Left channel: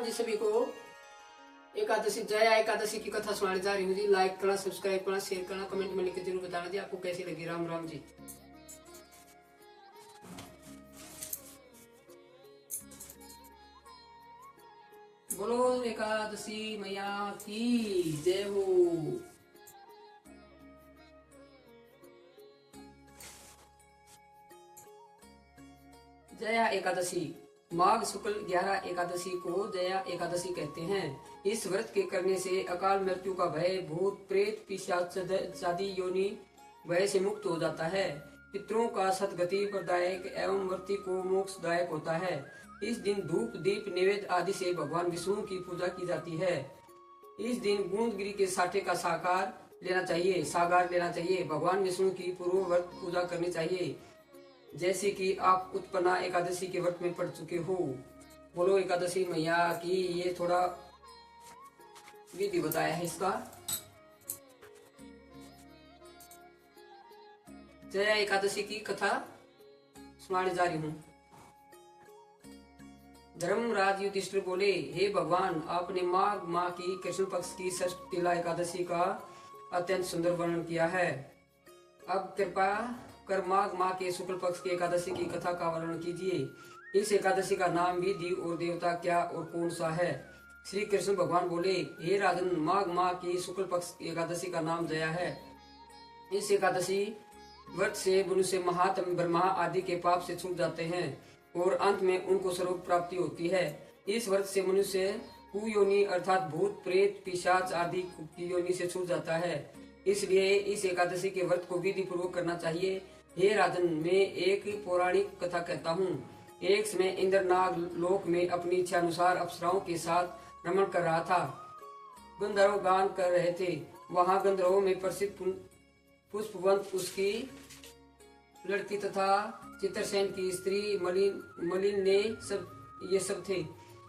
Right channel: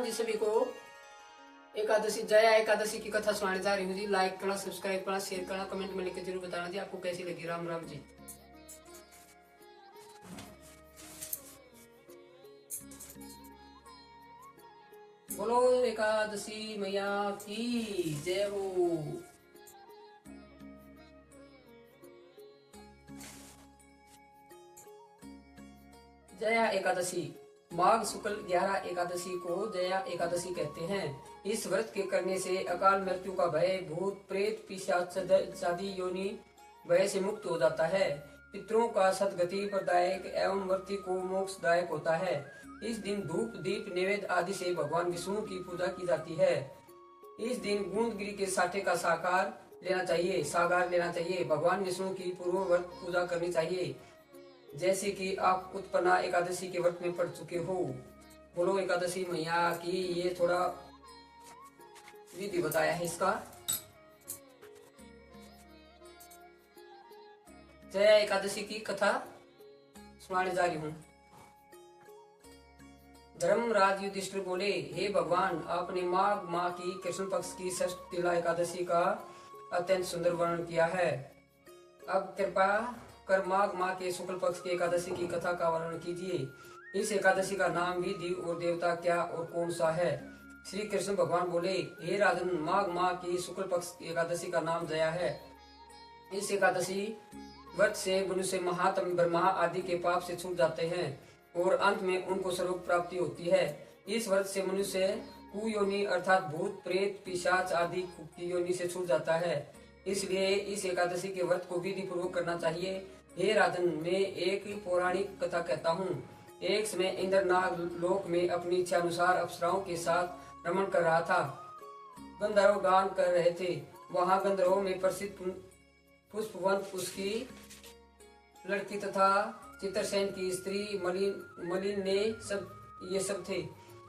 राम जी सभी को। एकादशी जया एकादशी की कथा सुनाने जा रही हूँ जी। लाइक करना, सब्सक्राइब करना, शेयर करना, कमेंट में लिखकर जरूर बताना जी आपको कैसी लगी। राम राम जी। बोलो एकादशी मैया की जय हो। जया एकादशी माघ शुक्ल 11 एकादशी को जया एकादशी कहते हैं। इस व्रत के करने से अकाल मृत्यु का भय, भूत प्रेत पिशाच आदि योनि भय से मुक्त हो जाता है। पितरों का सदगति प्रदायक एवं व्रती को मोक्षदायक होता है। इस दिन धूप दीप नैवेद्य आदि से भगवान विष्णु की पूजा की जाती है। इस दिन गूंदगिरी के साठे का सागार लेना चाहिए। भगवान विष्णु की पूर्व व्रत पूजा करनी चाहिए, जैसे कि आप उत्पन्ना एकादशी के व्रत में पढ़ चुके हो। बोलो एकादशी मैया की। ये थोड़ा विधि बताया है इसका। जया एकादशी की कथा सुनाने जा रही हूँ। धर्मराज युधिष्ठिर बोले, हे भगवान, आपने माघ माह की कृष्ण पक्ष की षष्ठ तिला एकादशी का अत्यंत सुंदर वर्णन किया है। अब कृपा कर माघ माह के शुक्ल पक्ष की एकादशी की कथा का वर्णन कीजिए। इस एकादशी का नाम, विधि और देवता क्या और कौन सा है? श्री कृष्ण भगवान बोले, हे राजन, माघ माह की शुक्ल पक्ष की एकादशी का नाम जया है। इस एकादशी व्रत से मनुष्य महात्म ब्रह्मा आदि के पाप से छूट जाते हैं और अंत में उनको स्वर्ग प्राप्ति होती है। इस व्रत से मनुष्य कुयोनि अर्थात भूत प्रेत पिशाच आदि की योनि से छूट जाता है। इसलिए इस एकादशी के व्रत को विधि पूर्वक करना चाहिए। हे राजन, मैं एक पौराणिक कथा कहता हूँ। एक समय इंद्र नाग लोक में अपनी इच्छा अनुसार अप्सराओं के साथ रमण कर रहा था। गंधर्व गान कर रहे थे। वहाँ गंधर्वों में प्रसिद्ध पुष्पवंत, उसकी लड़की तथा चित्रसेन की स्त्री मलिन ने ये सब थे।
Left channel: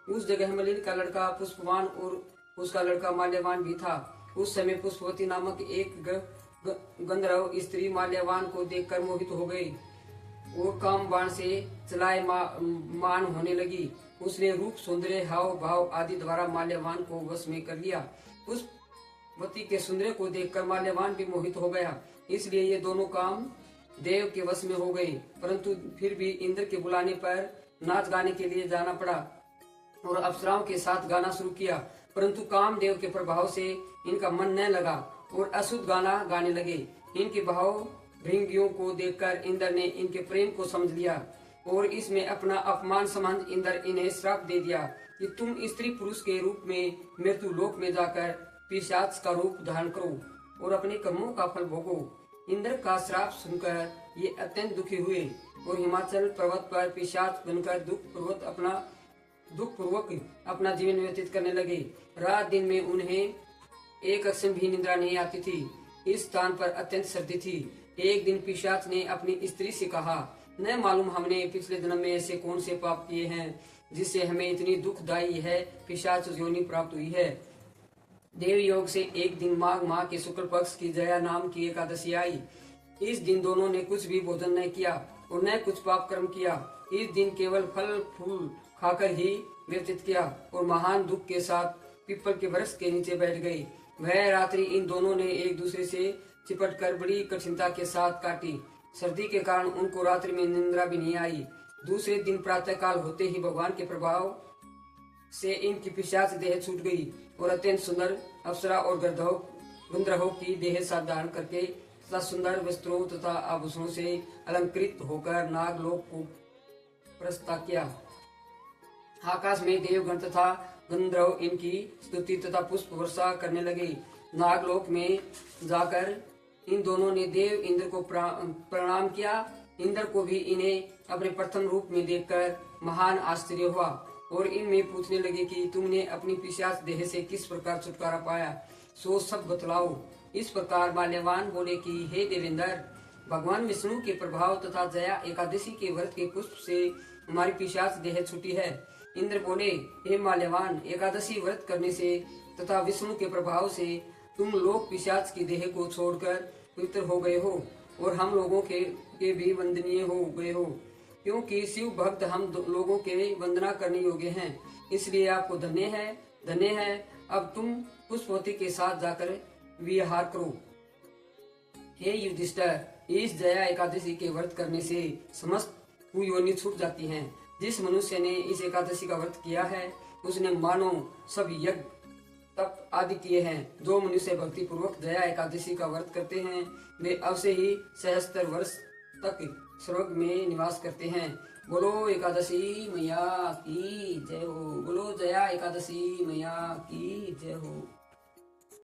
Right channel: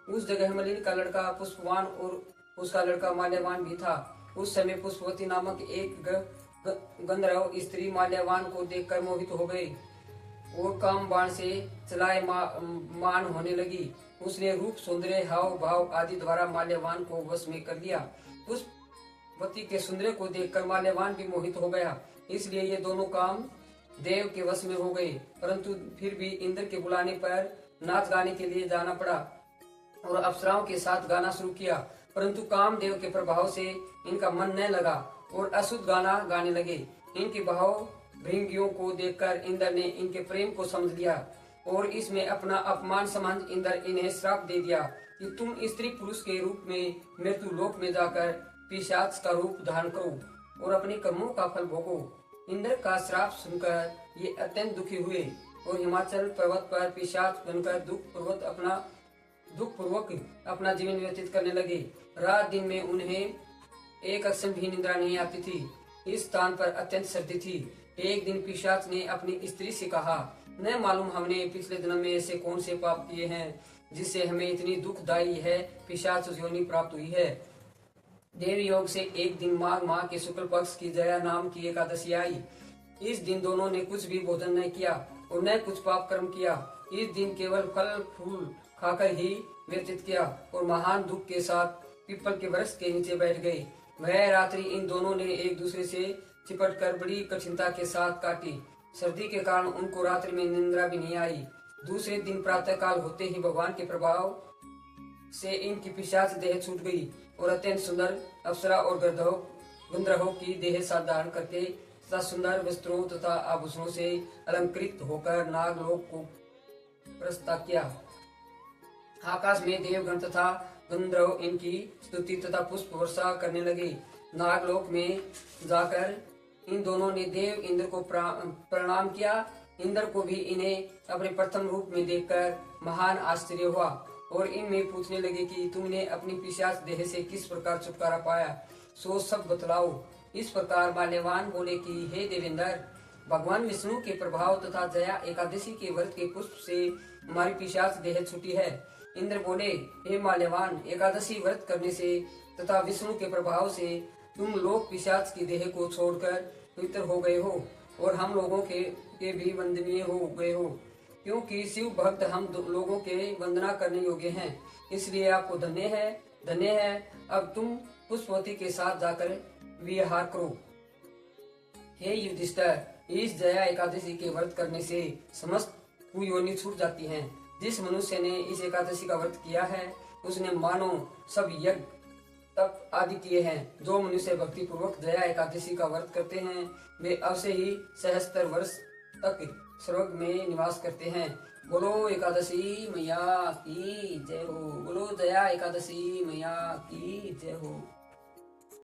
उस जगह मलिन का लड़का पुष्पवान और उसका लड़का माल्यवान भी था। उस समय पुष्पवती नामक एक गंधर्व स्त्री माल्यवान को देखकर मोहित हो गई और काम बाण से चलाए मान होने लगी। उसने रूप, सौंदर्य, हाव भाव आदि द्वारा माल्यवान को वश में कर लिया। पुष्पवती के सौंदर्य को देखकर माल्यवान भी मोहित हो गया। इसलिए ये दोनों काम देव के वश में हो गए। परंतु फिर भी इंद्र के बुलाने पर नाच गाने के लिए जाना पड़ा और अप्सराओं के साथ गाना शुरू किया। परंतु कामदेव के प्रभाव से इनका मन न लगा और अशुद्ध गाना गाने लगे। इनके भाव भृंगियों को देखकर इंद्र ने इनके प्रेम को समझ लिया और इसमें अपना अपमान समझ इंद्र इन्हें श्राप दे दिया कि तुम स्त्री पुरुष के रूप में मृत्यु लोक में जाकर पिशाच का रूप धारण करो और अपने कर्मों का फल भोगो। इंद्र का श्राप सुनकर ये अत्यंत दुखी हुए और हिमाचल पर्वत पर पिशाच बनकर दुख पूर्वक अपना जीवन व्यतीत करने लगे। रात दिन में उन्हें एक क्षण भी निद्रा नहीं आती थी। इस स्थान पर अत्यंत सर्दी थी। एक दिन पिशाच ने अपनी स्त्री से कहा, न मालूम हमने पिछले जन्म में ऐसे कौन से पाप किए हैं जिससे हमें इतनी दुखदायी है पिशाच योनि प्राप्त हुई है। देव योग से एक दिन माघ माह के शुक्ल पक्ष की जया नाम की एकादशी आई। इस दिन दोनों ने कुछ भी भोजन नहीं किया और न कुछ पाप कर्म किया। इस दिन केवल फल फूल खाकर ही व्यतीत किया और महान दुख के साथ पीपल के वृक्ष के नीचे बैठ गए। वह रात्रि इन दोनों ने एक दूसरे से चिपटकर बड़ी कठिनता के साथ काटी। सर्दी के कारण उनको रात्रि में निद्रा भी नहीं आई। दूसरे दिन प्रातः काल होते ही भगवान के प्रभाव से इनकी पिशाच देह छूट गई और अत्यंत सुंदर अप्सरा और गंधर्वों की देह साथ धारण करके तथा सुंदर वस्त्रों तथा आभूषणों से अलंकृत होकर नागलोक को प्रस्थान किया। आकाश में देवगण तथा गंधर्व इनकी स्तुति तथा पुष्प वर्षा करने लगे। नागलोक में जाकर इन दोनों ने देव इंद्र को प्रणाम किया। इंद्र को भी इन्हें अपने प्रथम रूप में देखकर महान आश्चर्य हुआ और इनमें पूछने लगे कि तुमने अपनी पिशाच देह से किस प्रकार छुटकारा पाया, सो सब बतलाओ। इस प्रकार माल्यवान बोले कि हे देवेंद्र, भगवान विष्णु के प्रभाव तथा जया एकादशी के व्रत के पुष्प से हमारी पिशाच देह छूटी है। इंद्र बोले, हे माल्यवान, एकादशी व्रत करने से तथा विष्णु के प्रभाव से तुम लोग पिशाच की देह को छोड़कर पवित्र हो गए हो और हम लोगों के भी वंदनीय हो गए हो, क्योंकि शिव भक्त हम लोगों के वंदना करने योग्य हैं। इसलिए आपको धन्य है। अब तुम पुष्पवती के साथ जाकर विहार करो। हे युधिष्ठिर, इस जया एकादशी के व्रत करने से समस्त कुयोनि छूट जाती हैं। जिस मनुष्य ने इस एकादशी का व्रत किया है उसने मानो सब यज्ञ तप आदि किए हैं। जो मनुष्य भक्ति पूर्वक जया एकादशी का व्रत करते हैं वे अवश्य ही सहस्त्र वर्ष तक स्वर्ग में निवास करते हैं। बोलो एकादशी मैया की जय हो। बोलो जया एकादशी मैया की जय हो।